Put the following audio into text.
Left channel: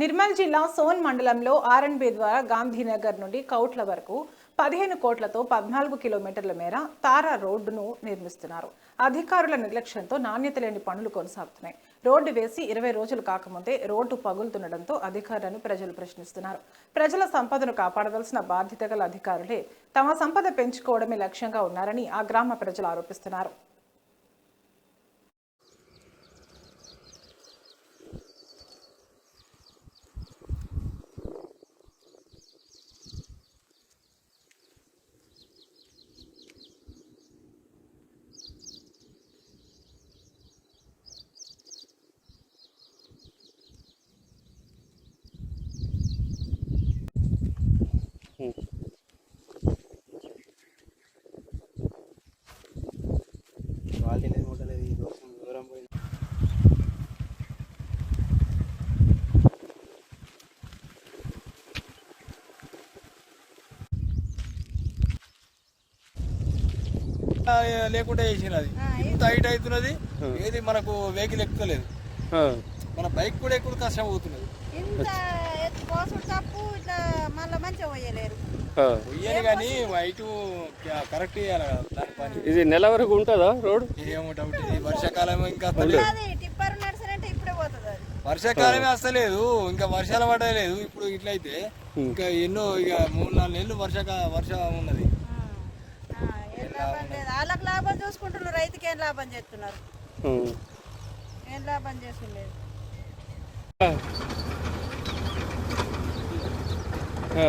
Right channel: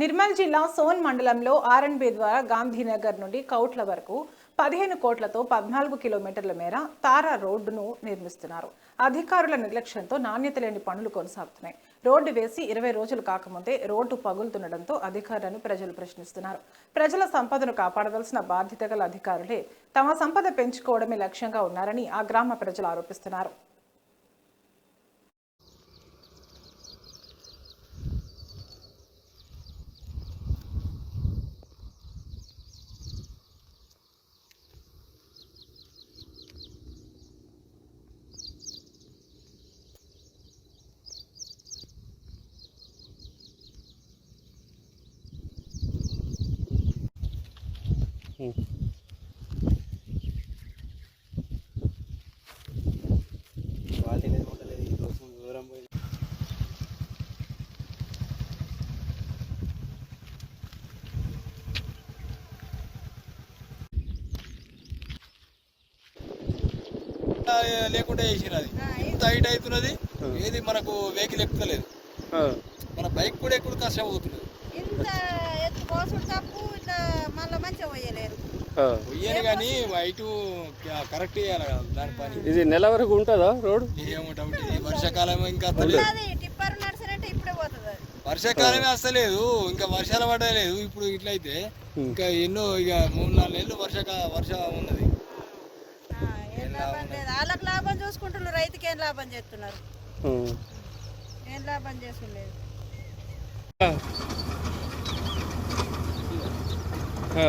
నిర్మల్ జిల్లా సోన్ మండలంలో ఆర్ఎన్బి ద్వారా గాంధీనగర్ నుండి కౌట్ల వరకు పదిహేను కోట్లతో పద్నాలుగు కిలోమీటర్ల మేర తారా రోడ్డును నిర్మిస్తున్నారు. అధికారుల నిర్లక్ష్యంతో నాణ్యత లేని పనులు కొనసాగుతున్నాయి. రోడ్డు వేసి ఇరవై రోజులు కాకముందే రోడ్డు పగులుతుండటంతో అధికారులను ప్రజలు ప్రశ్నిస్తున్నారు. ప్రజల సంపదను కాపాడవలసిన బాధ్యత గల అధికారులే తమ సంపద పెంచుకోవడమే లక్ష్యంగా ఉన్నారని ఆ గ్రామ ప్రజలు ఆరోపిస్తున్నారు. లేకుండా చేసిన అది ఇంత హైట్ అవుతున్నది ఏది మనకు వెహికల్ ఎక్కుతలేదు. మన బైక్ కూడా ఎక్కువ కష్టం అవుతున్నది. ఇంత ఎత్తు కోసుడు తప్పు ఇట్లా మళ్ళీ మంచిగా పోయలేరు. పోయాలి కానీ హైట్ కరెక్ట్ చేయాలి ఇది నెల వరకు ఉంటుందా రోడ్ ఏమో డౌట్. వర్షాకాలం ఇంకా టిప్పర్ నడిచినట్టే ఇప్పుడే పోతుంది అది. వర్షాకాలమే వస్తలేదు ఇంకా వర్షాలు పడలేదు ఇప్పుడు ఇట్లయితే. ఇంకా ఎన్నో ఇక మూడు నాలుగు నెలలు వర్షాకా వర్షం ఉన్నది. ఆ, ఏం లాభం లేదు. వాళ్ళకి లాభం చూసుకుంటున్నారు రైతుకి ఏం లాభం చేస్తున్నారు? ఏం లాభం చేస్తుండలేదు ఆ.